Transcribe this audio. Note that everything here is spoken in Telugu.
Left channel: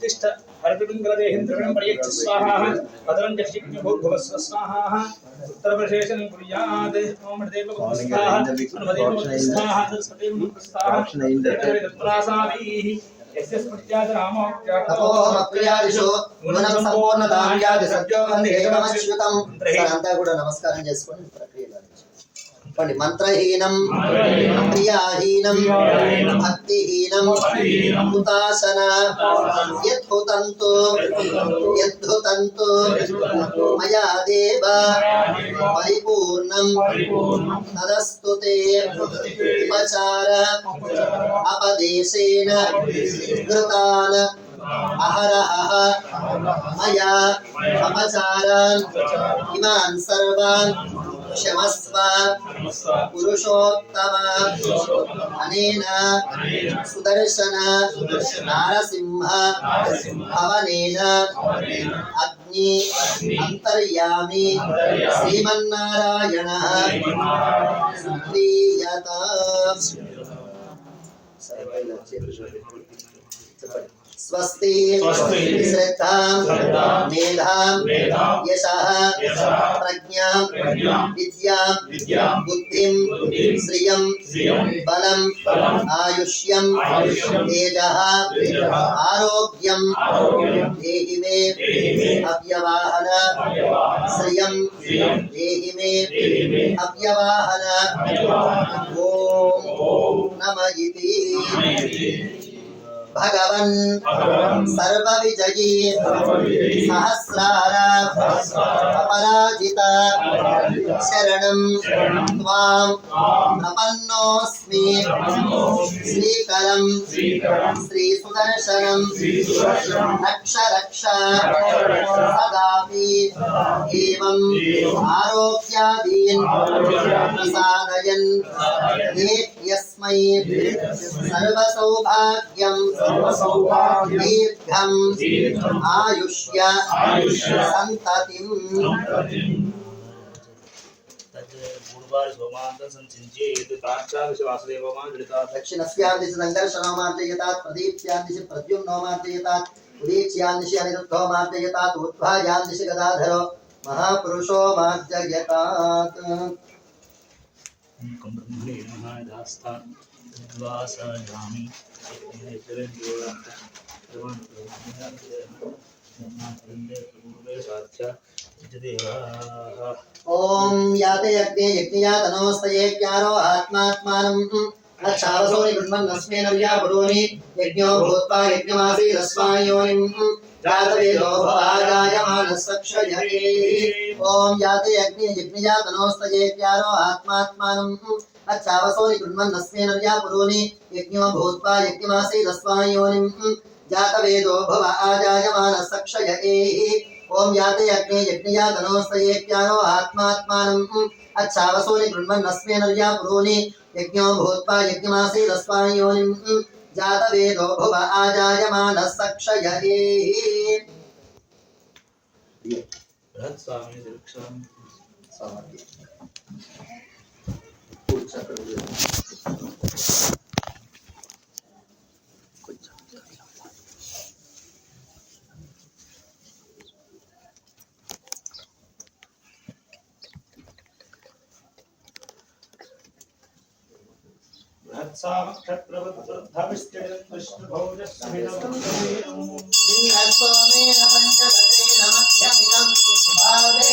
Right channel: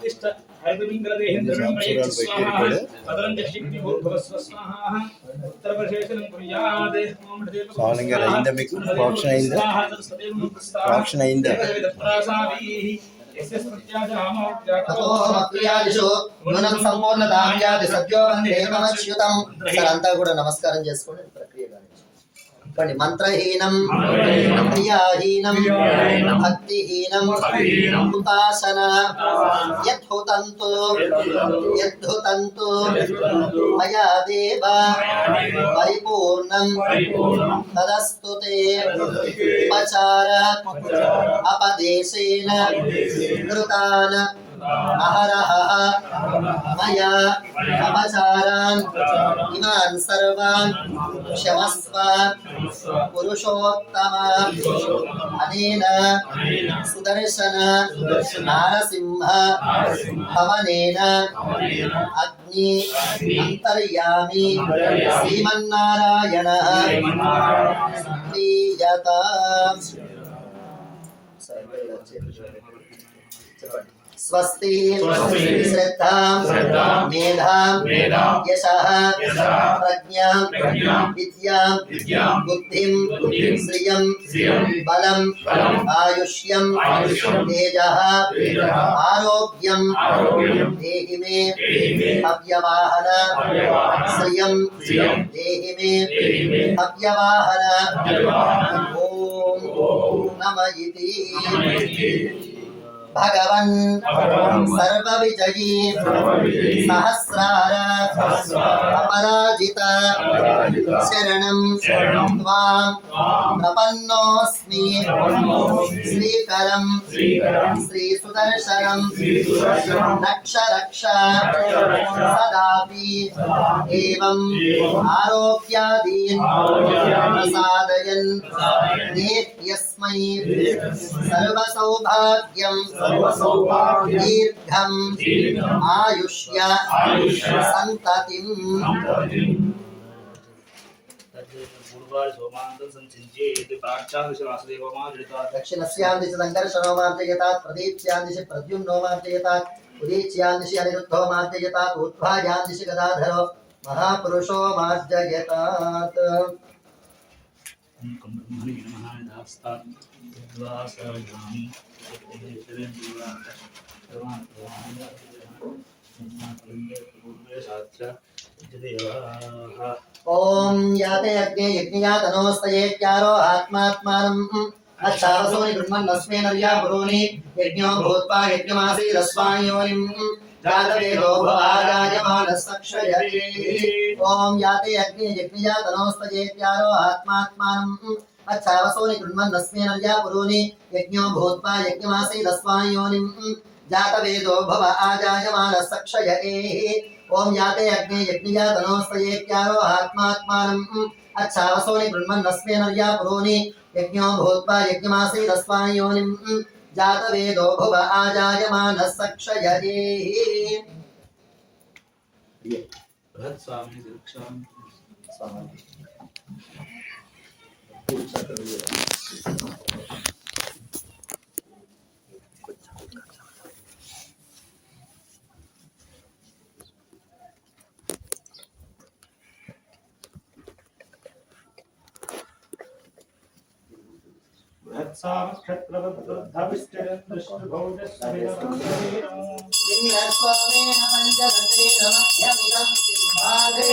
उत्तिष्ठ हरितपिङ्गलदेहिं द्रविणं प्रयच्छ स्वाहा पदलं जक्षिज्ञभूर्भुवस्व स्वाहा उत्तरप्रशेषनं कुर्यात् ओम हृदयेव स्वाहा सदेव स्वाहा అంతా కూడా నమస్కారం చేసుకోండి ప్రక్రియ చెప్పండి మంత్రహీనం క్రియాహీనం భక్తిహీనం హుతాసన యద్ధుతంతు మయా దేవ పరిపూర్ణం తదస్తుతే ఉపచార అపదేశేన కృతాన అహరహ మయా అపచారాన్ ఇమాన్ సర్వాన్ క్షమస్వ పురుషోత్తమ అనేన సుదర్శన నారసింహ భవనేన అగ్ని అంతర్యామి శ్రీమన్నారాయణ ప్రియత स्वस्ति श्रद्धा मेधा यशः प्रज्ञा विद्या बुद्धिं श्रियं बलं आयुष्यं तेजः आरोग्यं देहि मे अव्यवाहन श्रियं देहि मे अव्यवाहन ओम नमः इति भगवन् सर्वविजयी सहस्रार अपराजिता शरणं त्वां प्रपन्नोऽस्मि श्रीकरं श्रीसुदर्शनं रक्ष रक्ष सदापि एवं आरोग्यादीन् प्रसादयन् यस्मै सर्वसौभाग्यं दीर्घं आयुष्य संततिं दक्षिणस्यां दिशि संकर्षणो मार्जयतात् प्रदीप्स्यां दिशि प्रद्युम्नो मार्जयतात् उदीच्यां दिशि अनिरुद्धो मार्जयतात् ऊर्ध्वायां दिशि गदाधरो महापुरुषो मार्जयतात् ओम याते यज्ञे यज्ञयातनोस्तये क्यारो आत्मात्मानम् अच्छावसोनि ब्रह्मन्नस्मे नर्या पुरोनि यज्ञो भूत्वा यज्ञमासी रस्वायोनिम् जातवेदो भवाराजमानस्तक्षयते ओम याते यज्ञे यज्ञयातनोस्तये क्यारो आत्मात्मानम् अच्छावसोनि ब्रह्मन्नस्मे नर्या पुरोनि यज्ञो भूत्वा यज्ञमासी रस्वायोनिम् जातवेदो भव आजायमानस्तक्षयते ओम याते अग्ने यज्ञयातनोस्तये क्यारो आत्मात्मानम् अच्छावसोनि ब्रह्मन्नस्मे नर्या पुरोनि यज्ञो भूत्वा यज्ञमासी रस्वायोनिम् जातवेदो भव आजायमानस्तक्षयते स्वामी दीक्षा स्वामी क्षत्रवद्भविष्टभौजस्मिनवत्सरेण इंद्रस्वामेन पंचदतेन मध्यमिदं भावे